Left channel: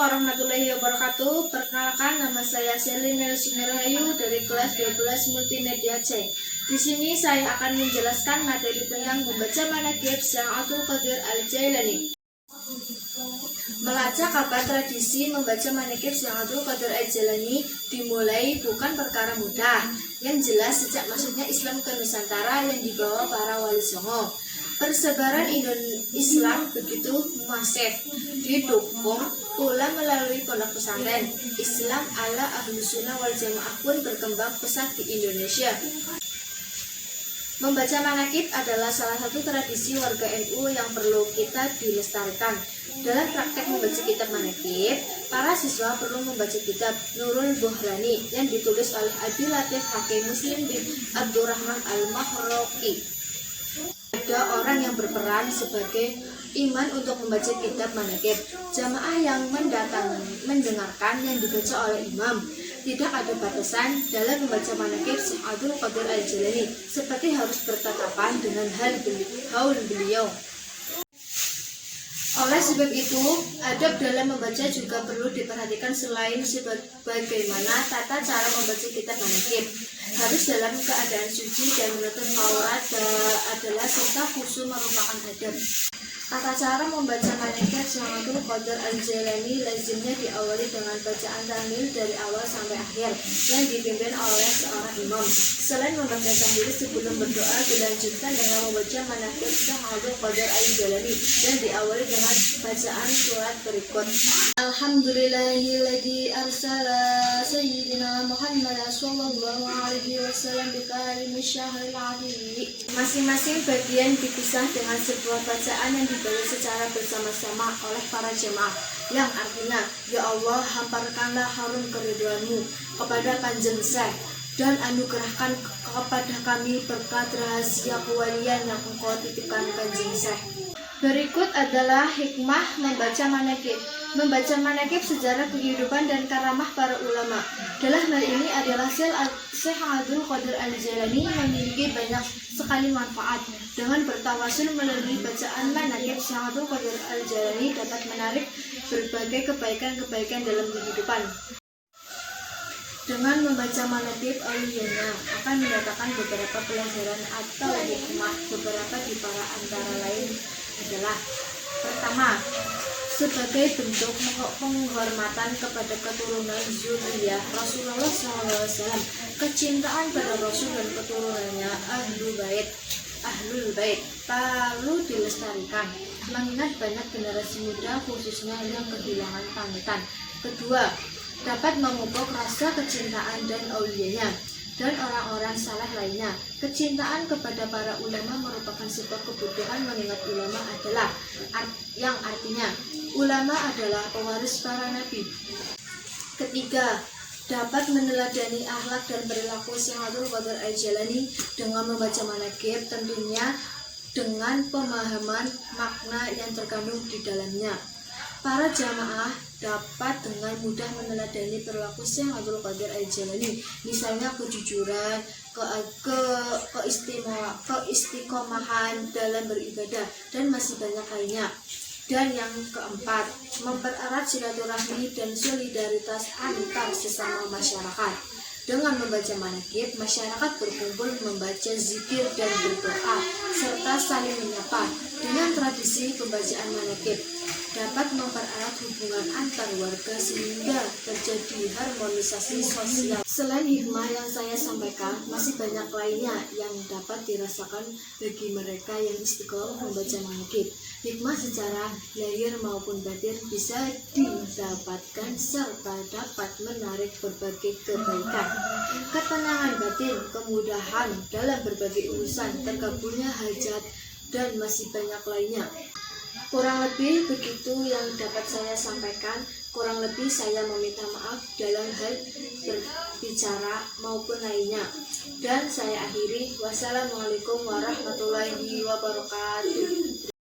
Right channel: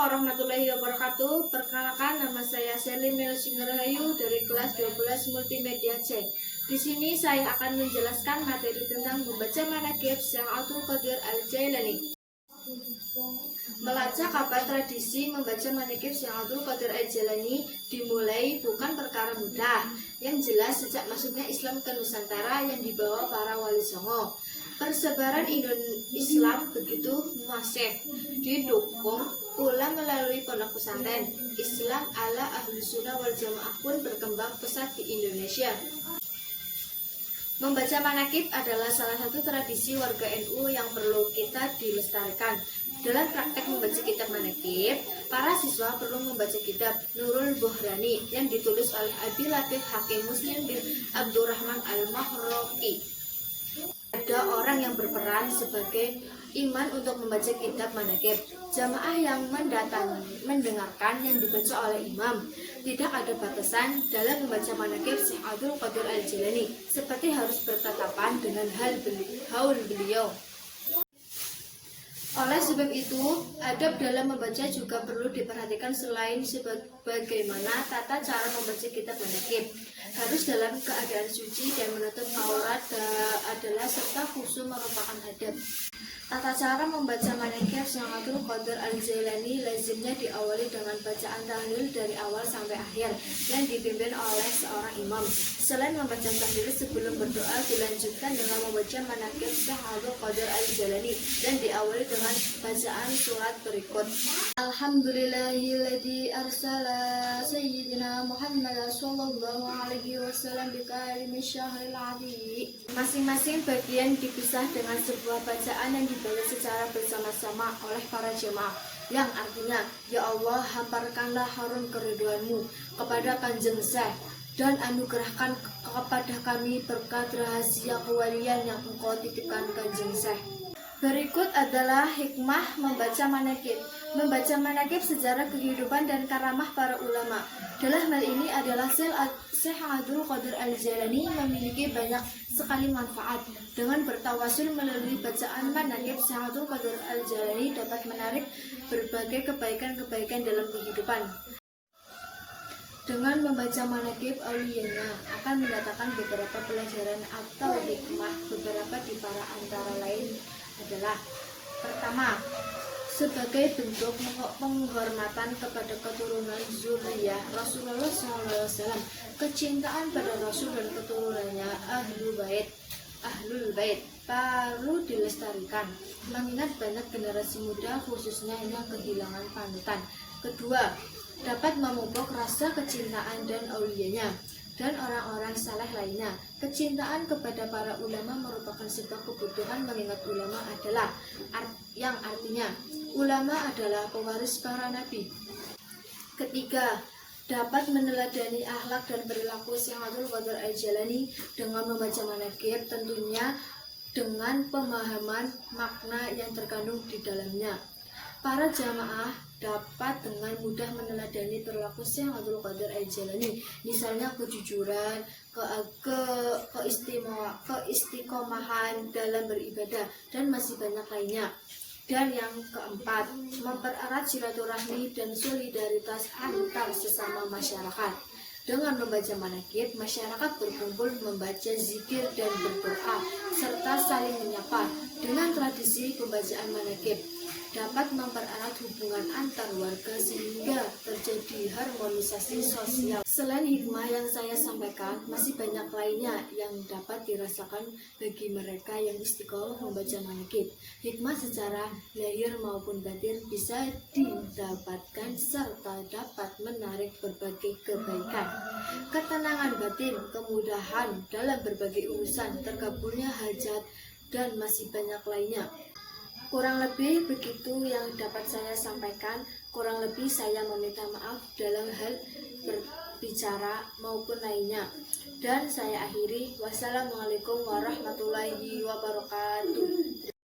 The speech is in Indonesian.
warahmatullahi wabarakatuh. Perkenalkan, nama saya Selina Rahayu dari kelas 12 Multimedia C. Di sini saya akan menjelaskan materi tentang membaca manaqib Syekh Abdul Qadir Al-Jailani. Melacak kapan tradisi membaca manaqib Syekh Abdul Qadir Al-Jailani dimulai bukan perkara mudah. Yang jelas sejak masuknya Islam ke Nusantara yang dibawa para wali songo. Persebaran Islam begitu masif, didukung pula melalui pondok pesantren. Islam ala Ahlus Sunnah wal Jamaah pun berkembang pesat di Indonesia. Membaca manaqib adalah salah satu tradisi warga NU yang perlu kita dilestarikan. Dalam praktek membaca kitab manaqib, para siswa perlu membaca kitab Nurul Bohrani yang ditulis oleh Abi Latif Hakim Muslim bin Abdurrahman Al-Mahroqi. Ada orang yang berperan sebagai iman untuk membaca kitab manaqib. Jamaah yang mendengarkan yang dibaca oleh imam. Tidak ada batasan dalam membaca manaqib Syekh Abdul Qadir Al-Jailani, seperti harus bertatapan dengan haul beliau. Oleh sebab itu, adab dalam membaca juga perlu diperhatikan selain bagaimana tata cara membaca kitab manaqib. Harus dalam keadaan suci dan menutup aurat adalah serta khusyuk merupakan adab. Tata cara membaca manaqib Syekh Abdul Qadir Al-Jailani lazimnya diawali dengan bacaan tahlil dari awal sampai akhir yang dipimpin oleh seorang imam. Selain membaca tahlil sebelum berdoa, dilanjutkan dengan membaca manaqib Syekh Abdul Qadir Al-Jailani dan diawali dengan bacaan surat berikut. Alhamdulillahilladzi arsala sayyidina Muhammad sallallahu alaihi wasallam bi kalimis syahril azim. Masing-masing bagian dipisah dengan sebuah bacaan yang dibaca secara bersama-sama oleh para jemaah, yang artinya, ya Allah, hamparkanlah harum keriduanmu kepada Kanjeng Syekh dan anugerahkan kepada kami berkat rahasia kewalian yang engkau titipkan Kanjeng Syekh. Berikut adalah hikmah membaca manaqib. Membaca manaqib sejarah kehidupan dan karamah para ulama. Dalam hal ini adalah Syekh Abdul Qadir Al-Jailani memiliki banyak sekali manfaat. Dengan bertawasul melalui bacaan manaqib, Syekh Abdul Qadir Al-Jailani dapat menarik berbagai kebaikan-kebaikan dalam kehidupan. Dengan membaca manaqib auliyanya akan mendatangkan beberapa pelajaran atau hikmah. Beberapa di antara lain adalah: pertama, sebagai bentuk penghormatan kepada keturunan zuriyah Rasulullah SAW, kecintaan pada Rasul dan keturunannya Ahlul Bait perlu dilestarikan, mengingat banyak generasi muda khususnya yang kehilangan panutan. Kedua, dapat memupuk rasa kecintaan dan auliyanya dan orang-orang saleh lainnya. Kecintaan kepada para ulama merupakan sebuah kebutuhan, mengingat ulama adalah yang artinya ulama adalah pewaris para nabi. Ketiga, dapat meneladani akhlak dan perilaku Syekh Abdul Qadir Al-Jailani dengan membaca manaqib, tentunya dengan pemahaman makna yang terkandung di dalamnya. Para jamaah dapat dengan mudah meneladani perilaku Syekh Abdul Qadir Al-Jailani, misalnya kejujuran, keistiqomahan dalam beribadah, dan masih banyak lainnya. Dan yang keempat, mempererat silaturahmi dan solidaritas antar sesama masyarakat. Dengan membaca manaqib, masyarakat berkumpul membaca zikir dan berdoa serta saling menyapa. Dengan tradisi pembacaan manaqib dapat mempererat hubungan antar warga sehingga terjadi harmonisasi sosial. Selain hikmah yang saya sampaikan, masih banyak lainnya yang dapat dirasakan bagi mereka yang istiqomah membaca manaqib. Hikmah secara lahir maupun batin bisa didapatkan serta dapat menarik berbagai kebaikan, ketenangan batin, kemudahan dalam berbagai urusan, terkabulnya hajat, dan masih banyak lainnya. Kurang lebih begitu yang dapat saya sampaikan. Kurang lebih saya meminta maaf dalam hal berbicara maupun lainnya. Dan saya akhiri. Wassalamualaikum warahmatullahi wabarakatuh.